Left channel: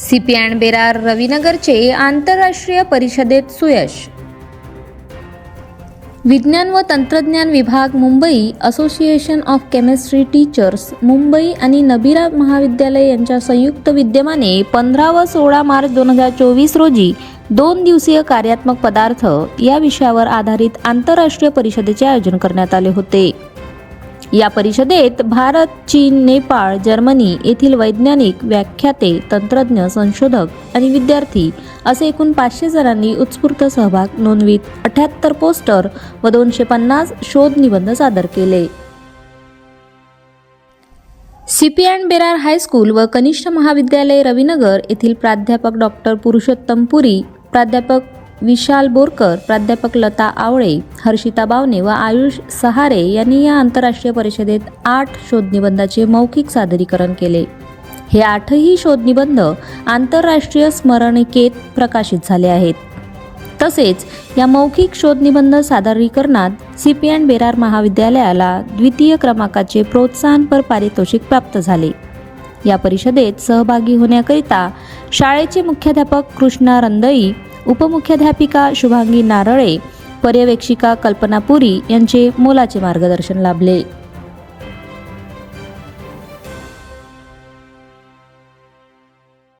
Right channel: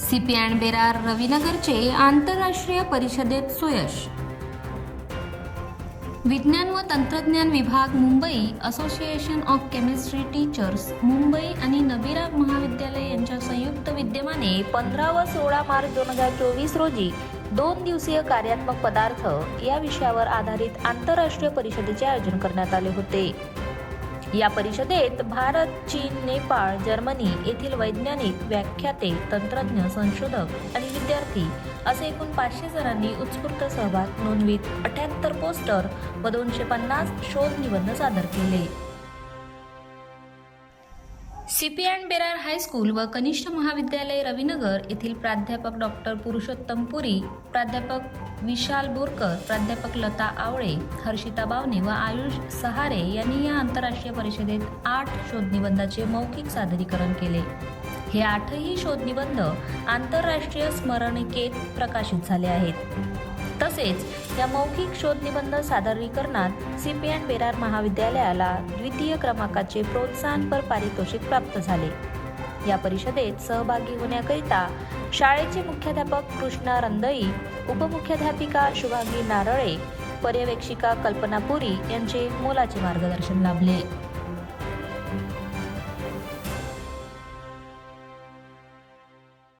C P and Berar रविनगरचे आंतरराष्ट्रीय परिषदेत सुयश. विज्ञान व तंत्रज्ञान विभाग Mumbai association of chemistry teachers Mumbai आणि नबिरा महाविद्यालय यांच्या संयुक्त विद्यमाने पंधरा व सोळा मार्च दोन हजार चोवीस रोजी दोन दिवसीय कार्यात्मक पदार्थ या विषयावर आधारित आंतरराष्ट्रीय परिषदेचे आयोजन करण्यात आले होते. या परिषदेत भारत चीन नेपाळ जर्मनी येथील वैज्ञानिक व्याख्याते तंत्रज्ञ संशोधक आणि विद्यार्थी असे एकूण पाचशे जणांनी उत्स्फूर्त सहभाग नोंदवीत. अठ्याहत्तर पोस्टर व दोनशे पन्नास शोध निबंध सादर केले. सीपी अँड बेरार हायस्कूल व कनिष्ठ महाविद्यालय रविनगर येथील प्राध्यापक डॉक्टर पुरुषोत्तम पुरी प्राध्यापक विशाल बोरकर प्राध्यापक लता आवळे हर्षिता बावने व आयुष सहारे यांनी या आंतरराष्ट्रीय परिषदेत आठ शोधनिबंधाचे मौखिक सादरीकरण केले. हे आठही शोधनिबंध आंतरराष्ट्रीय स्मरणिकेत प्रकाशित झाले आहेत. तसेच या मौखिक शोधनिबंध सादरीकरणात सी पी अँड बेरार महाविद्यालयाला द्वितीय क्रमांकाचे प्रोत्साहनपर पारितोषिक प्राप्त झाले. या परिषदेत सहभागी होण्याकरिता शाळेचे मुख्याध्यापक कृष्णा रंदई उपमुख्याध्यापिका शुभांगी नारळे पर्यवेक्षिका कल्पना पुरी यांचे मोलाचे मार्गदर्शन लाभले.